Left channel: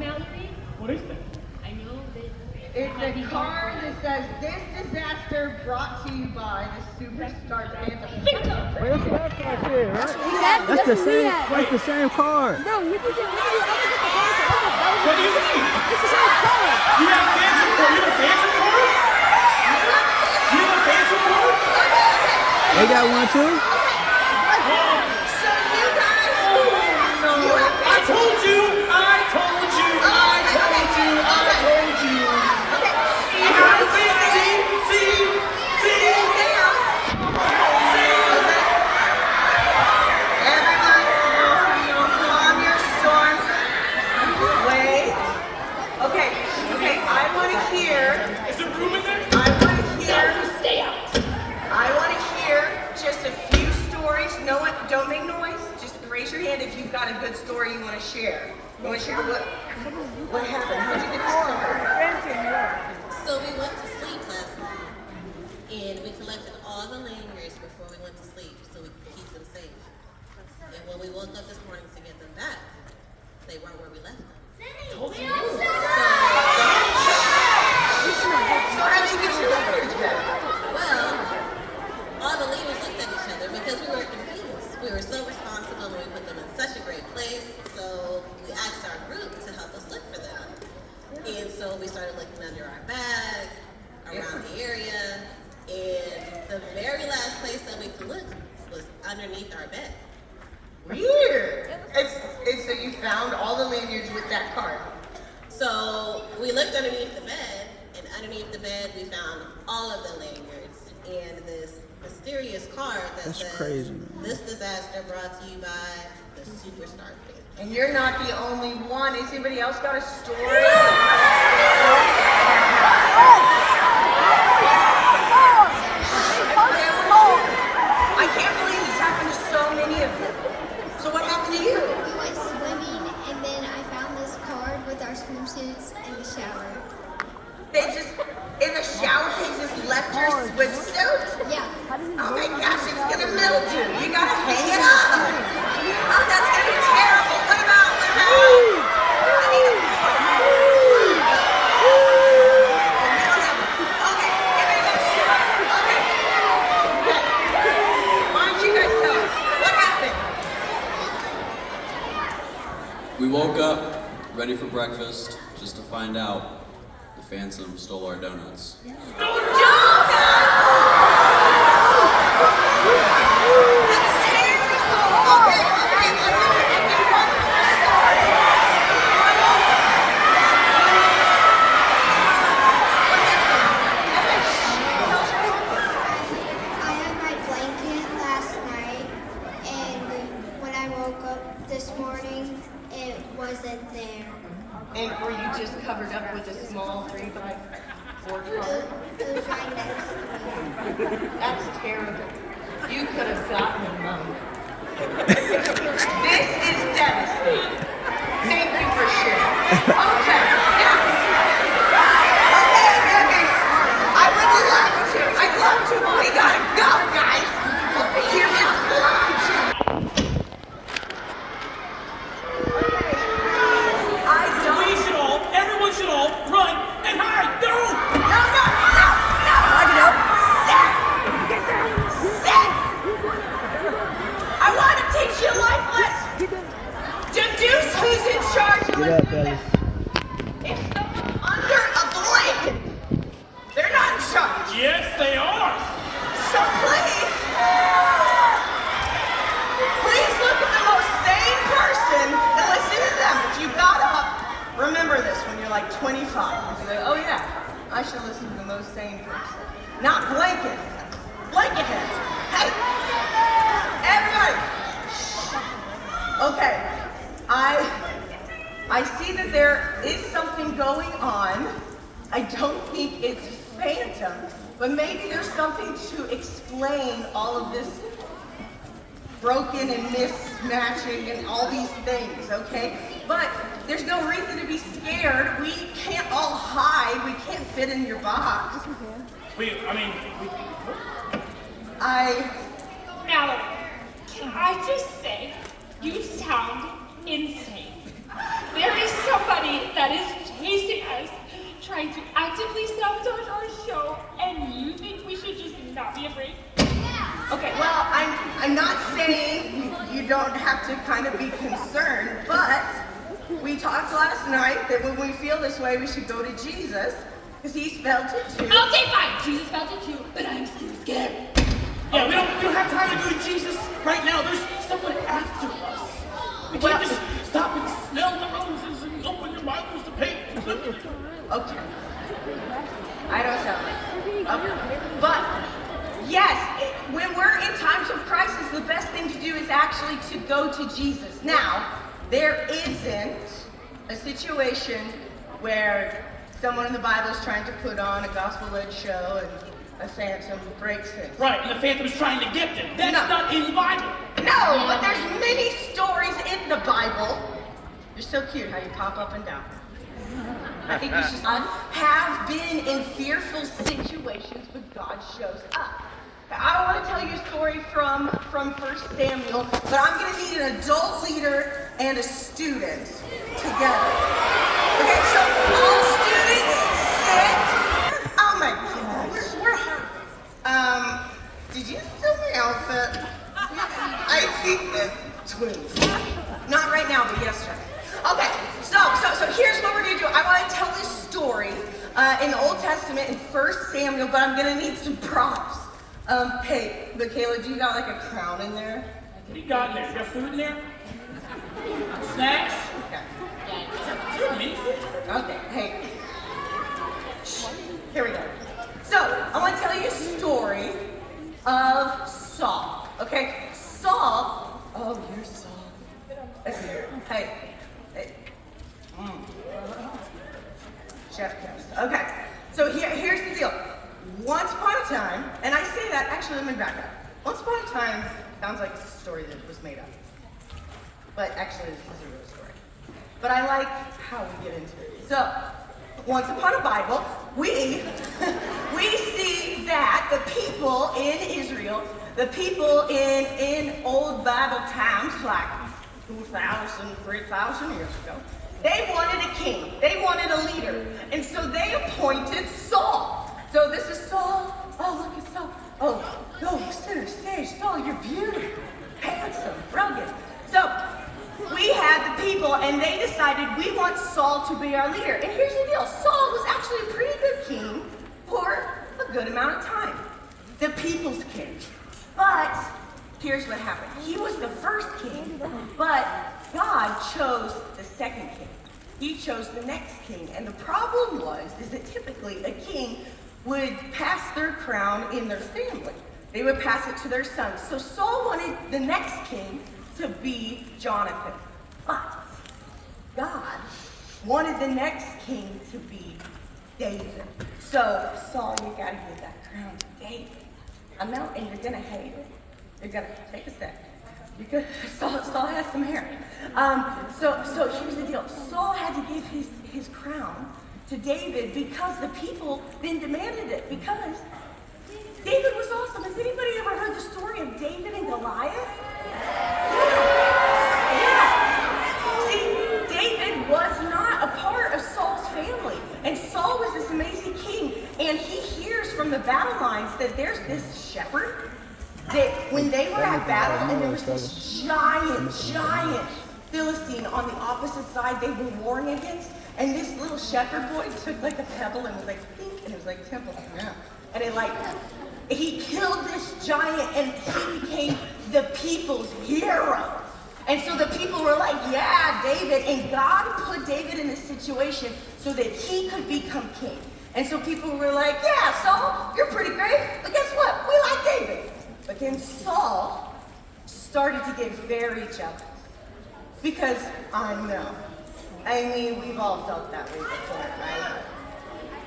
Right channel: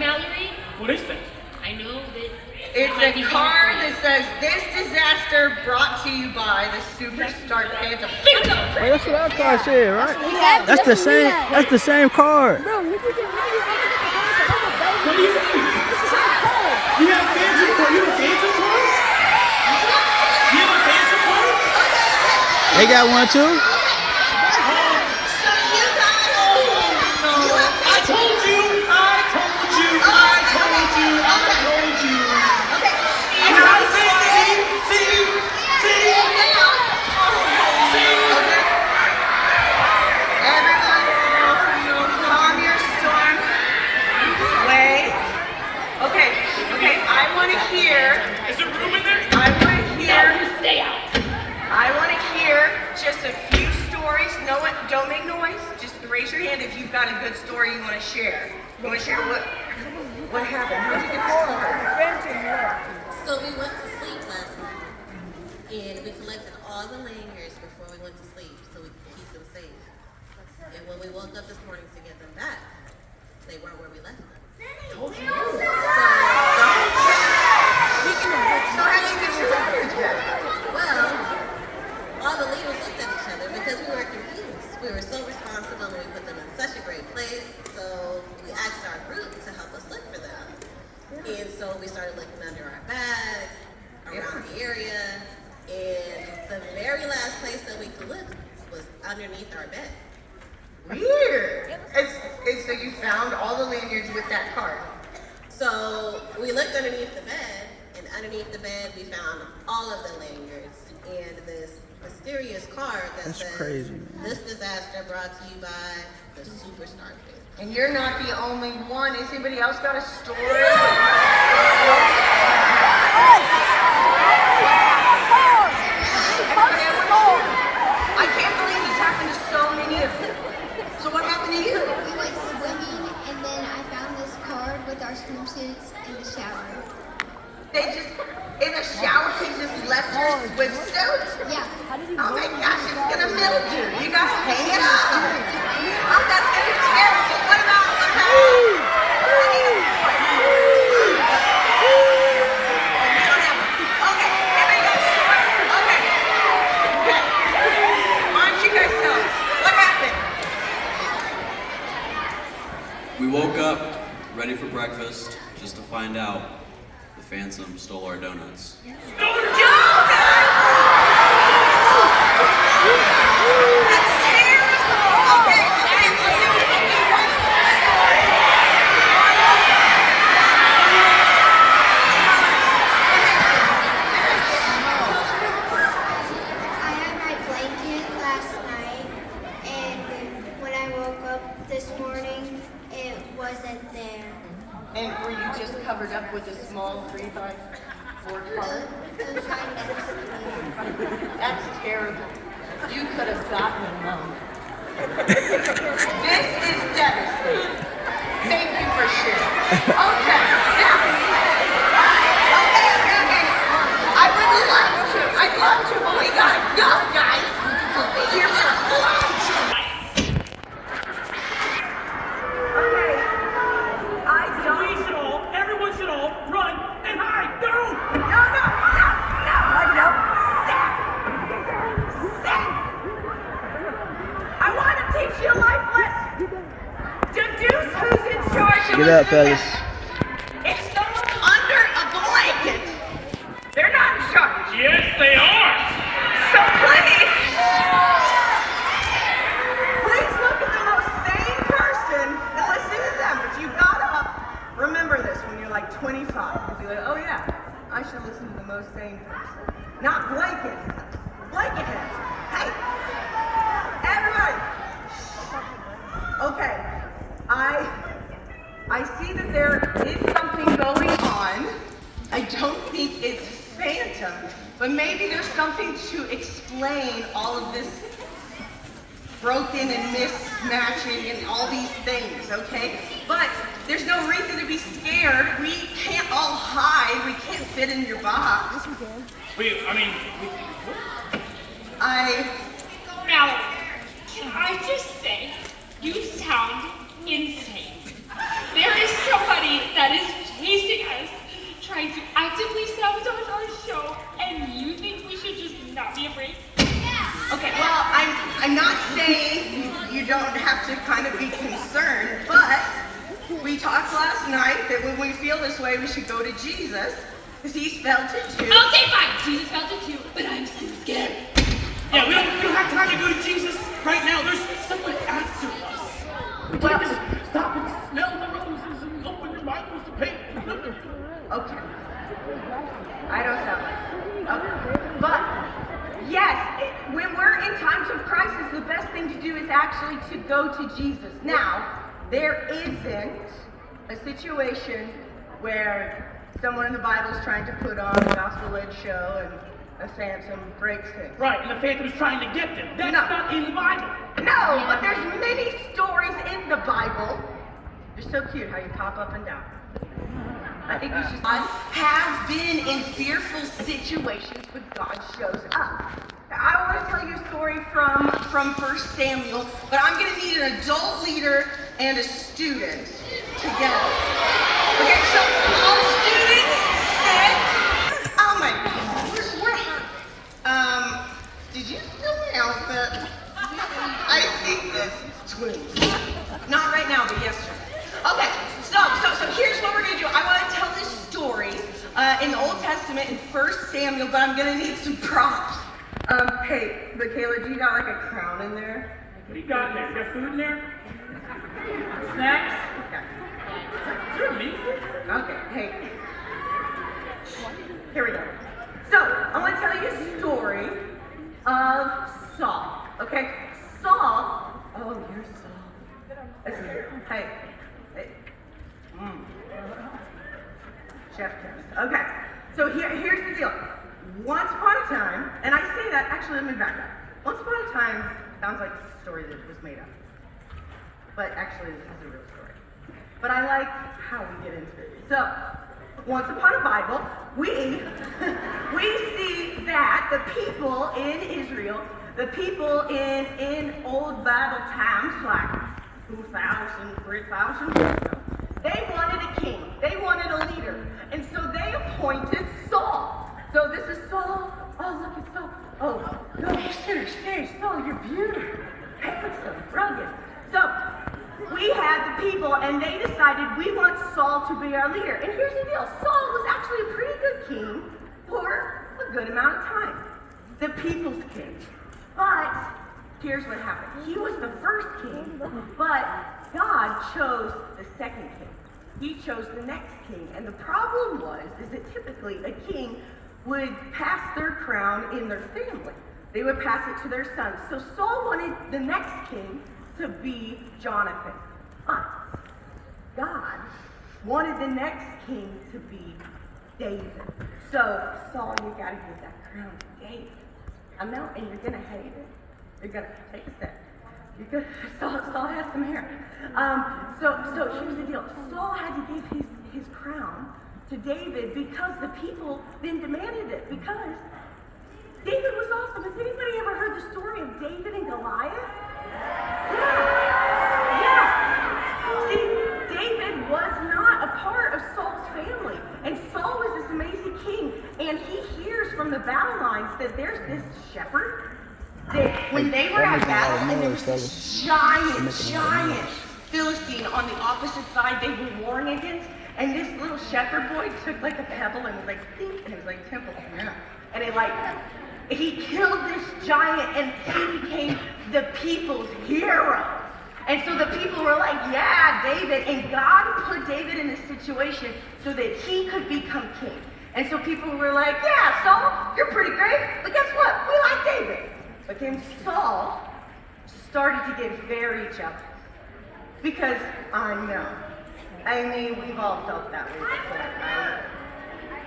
Mallory? What is that? I know that... It's a card that says, "This disaster brought to you by the superstar Phantom." Wait, that's what our card said, right? That's the same. That's the same card. Bro, we could get rid of it. What do you mean? It's the same card. You have a Phantom card? You have a Phantom card? You have a Phantom card? They got one too? So you guys, I told you! I told you! I told you! I told you! You have a Phantom! See? everyone, calm your storm. Wait. Okay, I want to hear. Is there room in there? I want to hear. Stay out. I want to hear just a few stories. No one, don't make noise. Just raise your hand if you've got a good story you want to share. You want to share what happened? How did you get this card? So we went to sleep last night, and we collected all the lanyards before we went to sleep so we could keep them safe. And when we woke up this morning to get them back, they weren't where we left them. So how did you get your lanyards back? Well, all the leaders looked at each other because we were confused. We were so responsible and we put them in such a great place, so we asked our group to help us look for them. And so we started looking under our bag, around the area, and the very last place that we could look was underneath our bed. Weird. And so you found all the lanyards with that card. So we looked underneath the bed, and underneath the bed we found all of the lanyards and this mysterious card that That's says, crazy, man. "This disaster brought to you by the superstar Phantom." And you're not the only one. Has anybody else got a story? I can't believe this happened to so many of them. So what happened to you? We went swimming, and then I found this card with our swimsuits in the shower. They just, in the shower, they just left your swimsuit? Yeah. Oh my gosh, it's gonna mildew. You gotta hang it up. Oh, that's gonna be terrible. What about? Okay, everybody go. Okay. Why don't you guys tell us? What happened? We woke up, ready for breakfast, just to find out the Phantom stole our donuts. That's terrible. Okay. I had my blanket last night, and when I woke up this morning, it wasn't there. And were you just covered up with a small 3x4 card? It was right next to me. That's terrible. You could have gotten them though. This is devastating. Thank you for sharing. Okay. I would love to. I'd love to, but we gotta go, guys. Here's our lunch. Okay. We should all, everyone should all run and hide. No! No. Sit. I want to teach you a life lesson. Deduce who's in charge. Get up, fellas. It's them under a blanket. They're not in charge. Yes, they are! So please look at the most sane person and listen to them. If you got up, remember this when you're like 25. You'll be like, oh yeah, I should listen to the most sane person. Not blanket heads. Hey, everybody. Okay, I see that there is something going on. I don't think it's Phantom, but maybe there's something to explain all of this broken and mismatching and all these things, okay? But there's no reason to be scared. We can't all hide. We can't fit in your box. Mallory, can I just say, you sound insane. There is somebody army that is chasing us, trying to actively sabotage our show, and you think we should just not be afraid? Okay, well, I'm not saying you don't have to kind of be concerned, but we talked last night that when we feel this way, we should go to Jesus, because he's felt it too. Okay, fine. Jesus felt it too, but I'm still scared. Yeah, we don't have time to go to Jesus right now. There's someone after us. We can't just stop and smell the roses and open your Bibles to paint. Okay. I don't sound like it. Okay. But, yes, when we're in times of crisis, the best thing to do is actually to go to Jesus. Now, there isn't a situation where someone in the Bible is trying to put on a gospel-led show and a phantom breaks it. Right, and the Phantom's trying to get them. That's not in the Bible. No, but there's many stories in the Bible. You're so cute how you pop up and down. I think you should have been in fearful situations, but God shows up. I want to tell you a story from 1 Samuel, but I'm going to need an adult leader and a student together. Okay, so all students sit. Oh my God. Did you steal my outfit? I think that twins. Not right now, but yesterday. Okay, so here's what we're gonna do. I want to tell this story in the Old Testament in 1 Samuel, but I'm gonna need some props. Hey, Michaela, do you got like a crown in there? What do you got in there? You got food in there? Snacks? Okay. Okay, hey. Here we go. So, I want to tell you a story of Saul, okay? Saul, oh, you're Saul. Hey. Chef Chris. Okay, so here's the deal. Once upon a time, and I say that, actually, let me back up. Once upon a time sounds like a story that was made up. But actually, this is a real story. But I like how we get into it. So, once upon a Bible, we see that the people in Israel, the people in old Bible times, like 2,000, 3,000 years ago, they wanted a king. They wanted a leader. And so they appointed Saul. So this is Saul. Oh, look at Saul. Oh, no, you're serious. Saul, you're beautiful. Handsome, rugged. So we had the people, and they decided we want Saul to be our leader. And here's the deal. Saul was actually a pretty good king for a good amount of time. The people's king. But here's what happened. He was the first king, but God chose the second king. He chose the next king. And the problem is that typically a king would pass their crown in their family. They would pass it to their sons. So Saul wanted the next king to be Jonathan. But God wanted the next king to be David. So Saul, you gotta give that crown to David. I know, and you're gonna hate it. You're gonna take a sec. Because Saul has some hair. So here's the deal. Saul had to give his crown to David because the people then demanded it. Because David was awesome. Has anybody ever heard the story of David and Goliath? Yeah. See, David was not a part of Saul's family. And Saul was this amazing king. And he hears from the battle lines that there's this shepherd that when they were at battle and there was this giant Philistine on the opposite side they were warring against, and this little shepherd boy took like a pebble and was like, think, and it was like temple. Yeah. And he killed this giant and he became the people's hero. And so the people were like, yeah, David. And God put David in this situation so that he could become king. And so people were like, yeah, Saul, you're pretty great. But guess what? We like David. But then Saul started to get very jealous. Because I know. I mean, we've all felt that way before, right?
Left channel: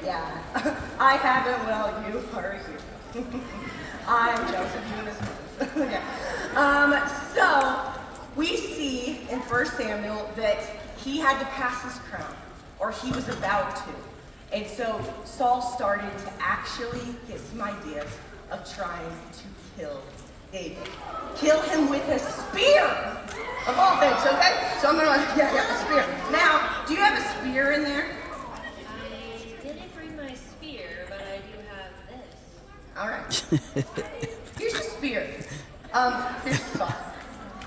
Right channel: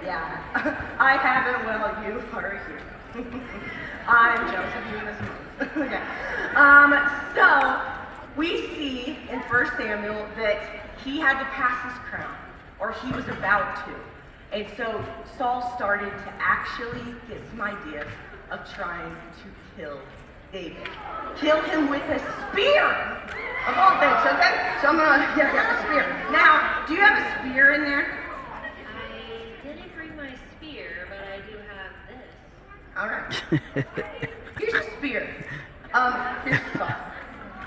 Yeah. I haven't, well, you are here. I'm jealous of you this moment. Okay. So we see in 1 Samuel that he had to pass his crown, or he was about to. And so Saul started to actually get some ideas of trying to kill David. Kill him with a spear. Of all things, okay? So I'm gonna, yeah, a spear. Now, do you have a spear in there? I didn't bring my spear, but I do have this. All right. Here's a spear. Here's the saw.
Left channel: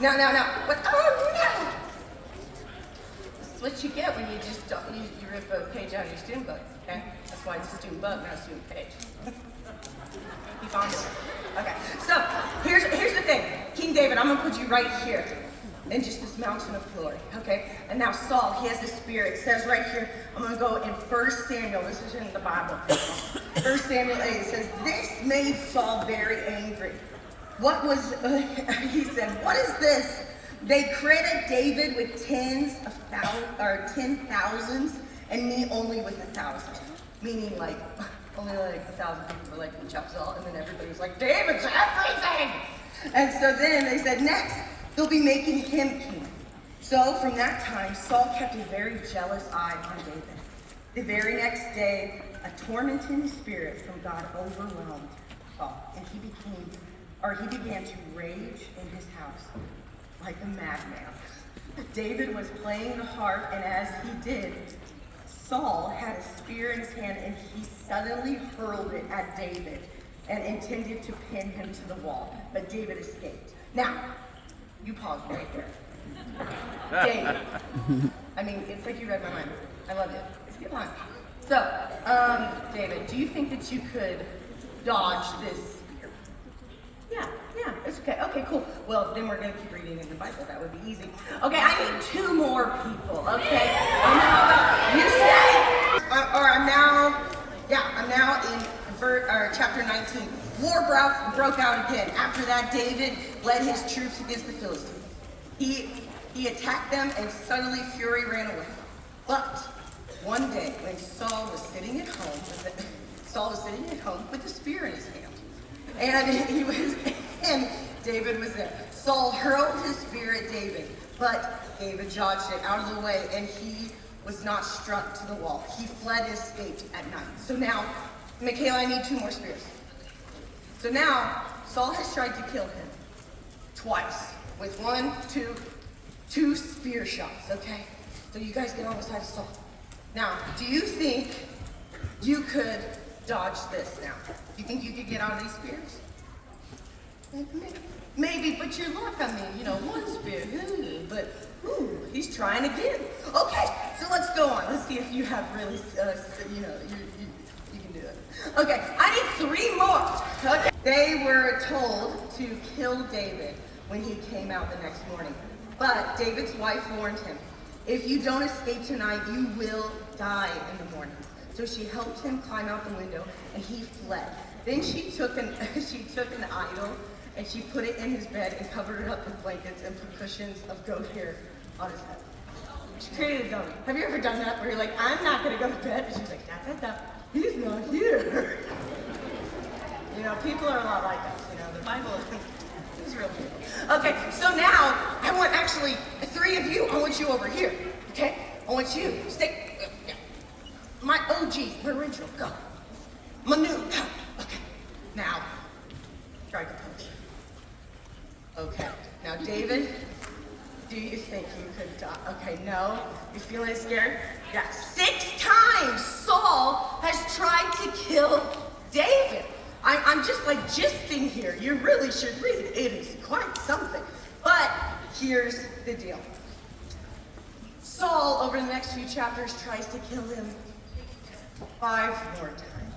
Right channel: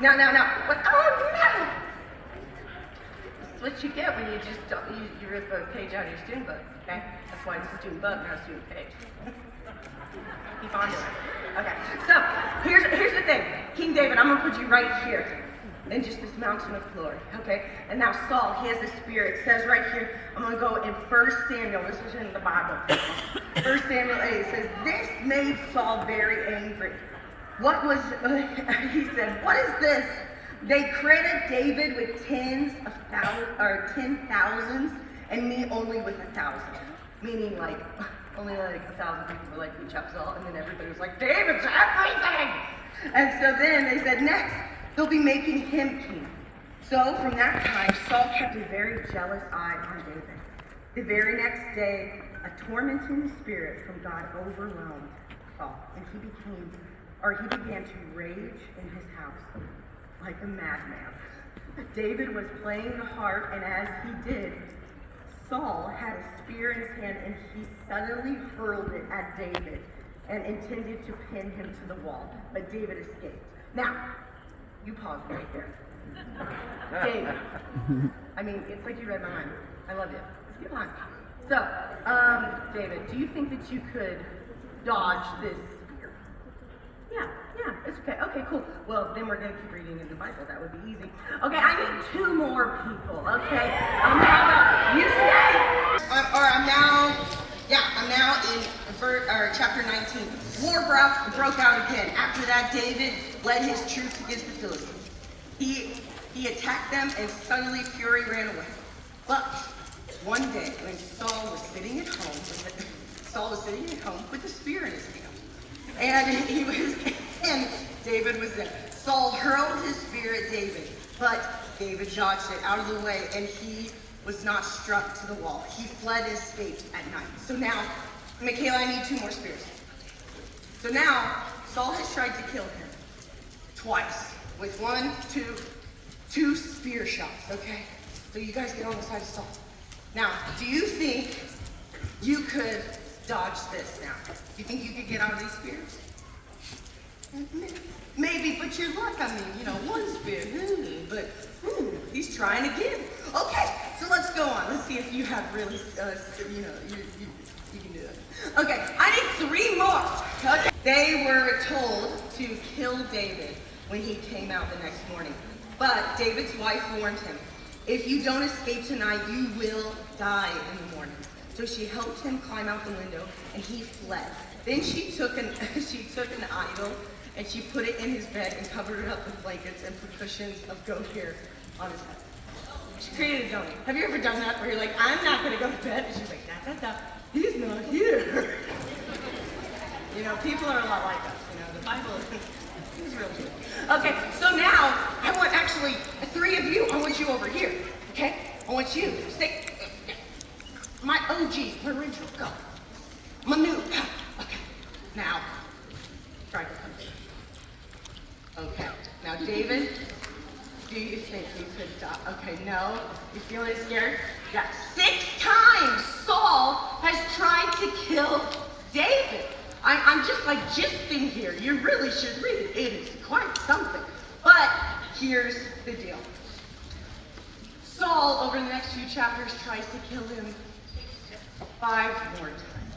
Now. What? Oh no! This is what you get when you just don't, you rip a page out of your student book. Okay? That's why it's a student book, not a student page. Keep on doing it. Okay. So here's the thing, King David. I'm gonna put you right here. In just this mountain of glory, okay? And now Saul, he has a spear. It says right here, I'm gonna go in 1 Samuel, this is in the Bible. 1 Samuel 8, it says, this made Saul very angry. What was, he said, what is this? They credit David with tens of thousands, or 10,000s, and me only with 1,000. Meaning like, only like 1,000 people were like, who chops Saul? And then everybody was like, David's everything! And so then they said, next, they'll be making him king. So from that time, Saul kept a very jealous eye on David. The very next day, a tormenting spirit from God overwhelmed Saul, and he began to rage in his house like a madman. David was playing the harp, and as he did, Saul had a spear in his hand, and he suddenly hurled it at David and intended to pin him to the wall, but David escaped. Now, you pause right there. David. I mean, it's like you read my mind. I love you. It's a good line. So, David, do you think that you could dodge this spear? Yeah, it's okay. Okay, cool. Well, then we're going to keep reading in the Bible. That would be easy. Okay, I need 2 more people, okay? How about you say? I'm now in chapter 19. War broke out again. After that, David led his troops against the Philistines. He attacked them, and suddenly fury ran away. But one day, when Saul was sitting at home with a spear in his hand, and David was there. Saul hurled his spear at David, but David dodged it out of the way, and he was not struck to the wall. He fled and escaped at night. So now, Michaela, I need 2 more spears. So now, Saul has tried to kill him twice with 2 spear shots, okay? So you guys get on the side of Saul. Now, do you think you could dodge this now? Do you think you could get out of these spears? Maybe, but your luck, I mean, 1 spear, but he's trying again. Okay, so let's go on. Let's see if you have really, you can do it. Okay, I need 3 more. Okay. They were told to kill David when he came out the next morning. But David's wife warned him, if you don't escape tonight, you will die in the morning. So she helped him climb out the window, and he fled. Then she took an idol, and she put it in his bed and covered it up with blankets and put cushions of goat hair on his head. She created a dummy. Have you ever done that where you're like, I'm not going to go to bed? And she's like, da. He's not here. People are a lot like us. The Bible is real people. Okay, so now I want 3 of you. I want you over here. Okay, I want you to stay. My OG, my original, go. My new, go. Okay, now try to punch. Okay, now David, do you think you could die? Okay, no. You feeling scared? Yeah. 6 times Saul has tried to kill David. I'm just gisting here. You really should read. It is quite something. But here's the deal. Saul, over the next few chapters, tries to kill him 5 more times.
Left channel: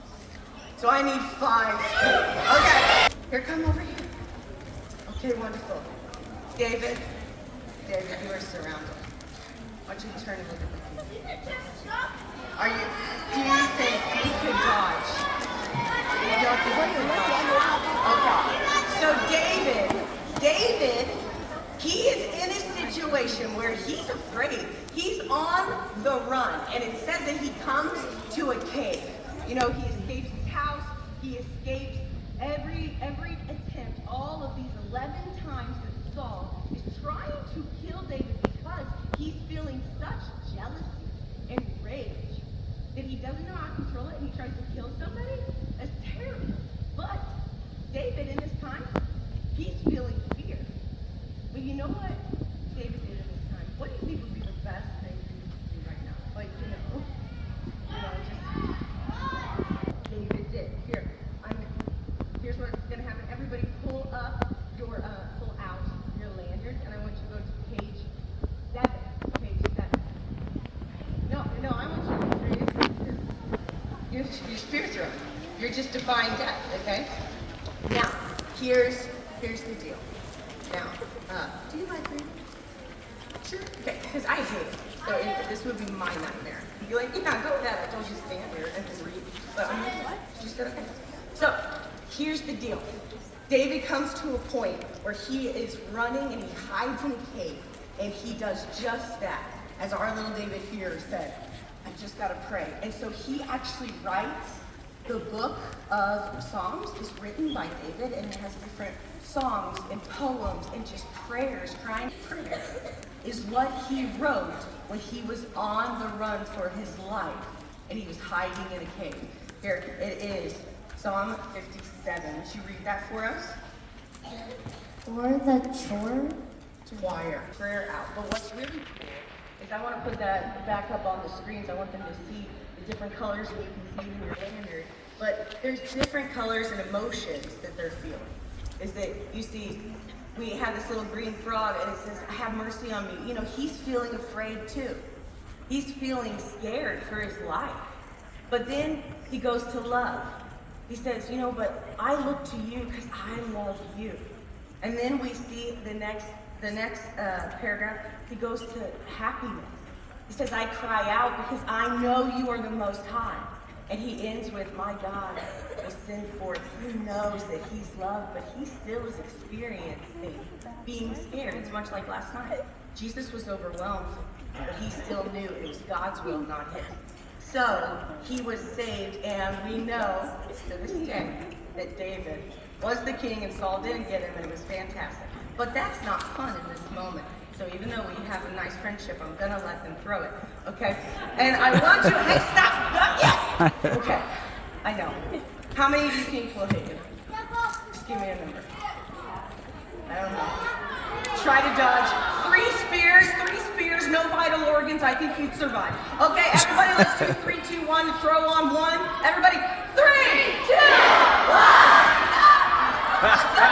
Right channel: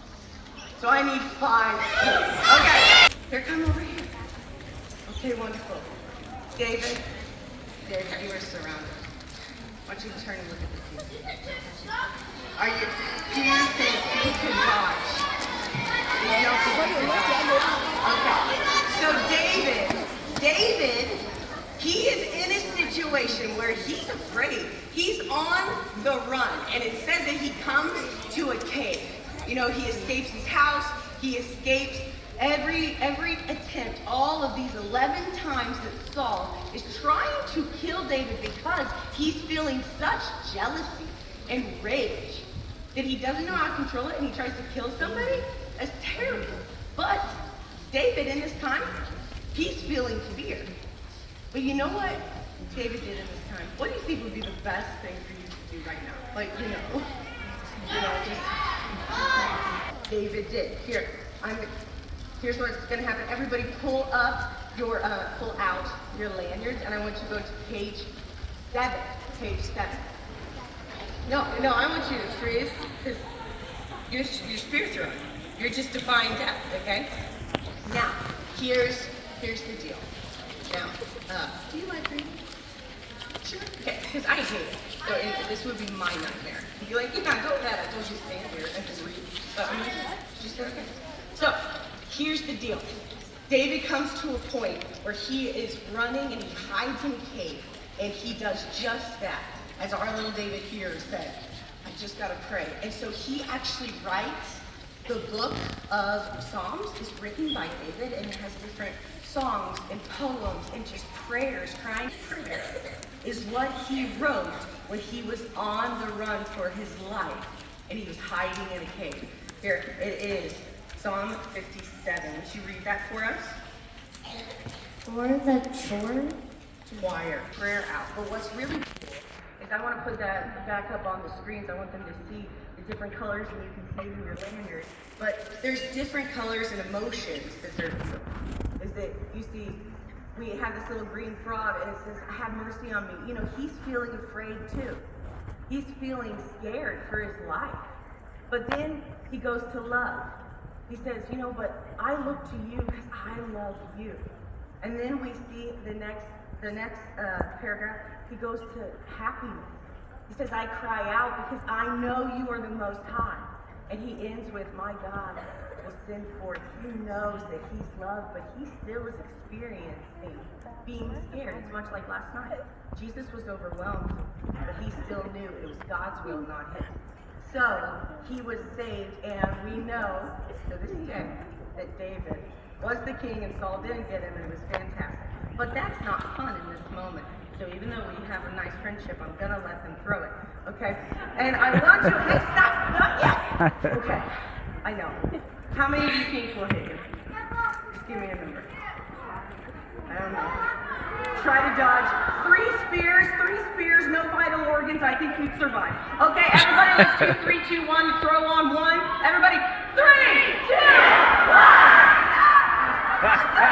So I need 5 more. Okay. Here, come over here. Okay, wonderful. David, you are surrounded. I want you to turn and look at the camera. Do you think you could dodge? You don't think you could dodge? Okay. So David, he is in a situation where he's afraid. He's on the run, and it says that he comes to a cave. He escapes his house. He escapes every attempt. All of these 11 times that Saul is trying to kill David because he's feeling such jealousy and rage that he doesn't know how to control it, and he tries to kill somebody. That's terrible. But David, in this time, he's feeling fear. But you know what David did in this time? What do you think would be the best thing for you to do right now? Like, just David did. Here's what's gonna happen. Everybody pull out your lanyards, and I want you to go to page 7. Page 7. No, I want you to freeze, because your spirits are on. You're just defying death, okay? Now, here's the deal. Now, Do you like reading? sure, okay, because I hate it. So this would be my nightmare. You'd be like, yeah, go ahead. I told you to stand here and just read. But I'm like, she said, okay. So, here's the deal. David comes to a point where he is running and he hides in a cave, and he does just that. As our little David here said, I just gotta pray. And so he actually writes the book of Psalms is written by David, and it has different songs and poems and just prayers, crying prayer, is what he wrote when he was on the run for his life, and he was hiding in a cave. Here it is, Psalm 57. Would you read that for us? For the chore? Choir, prayer out. But what's really cool is I want to put that back up on the screens. I want them to see the different colors, and you can see them in your lanyard. But there's different colors and emotions that they're feeling. Is that you see, we have this little green frog, and it says, have mercy on me. He's feeling afraid too. He's feeling scared for his life. But then he goes to love. He says, but I look to you because I love you. And then we see the next paragraph, he goes to happiness. He says, I cry out because I know you are the Most High. And he ends with, my God will send forth. He knows that he's loved, but he still is experiencing being scared. It's much like last night. Jesus was overwhelmed, but he still knew it was God's will, not his. So he was saved, and we know to this day that David was the king and Saul didn't get him, and it was fantastic. But that's not fun in this moment. So even though we have a nice friendship, I'm gonna let them throw it, okay? And I want you, hey, stop, not yet. Okay, I know. How many of you think will hit you? Just give me a number. I don't know. Try to dodge 3 spears, no vital organs. I think you'd survive. Okay, everybody, let's do 3, 2, 1, throw on 1. Everybody, 3, 2, 1.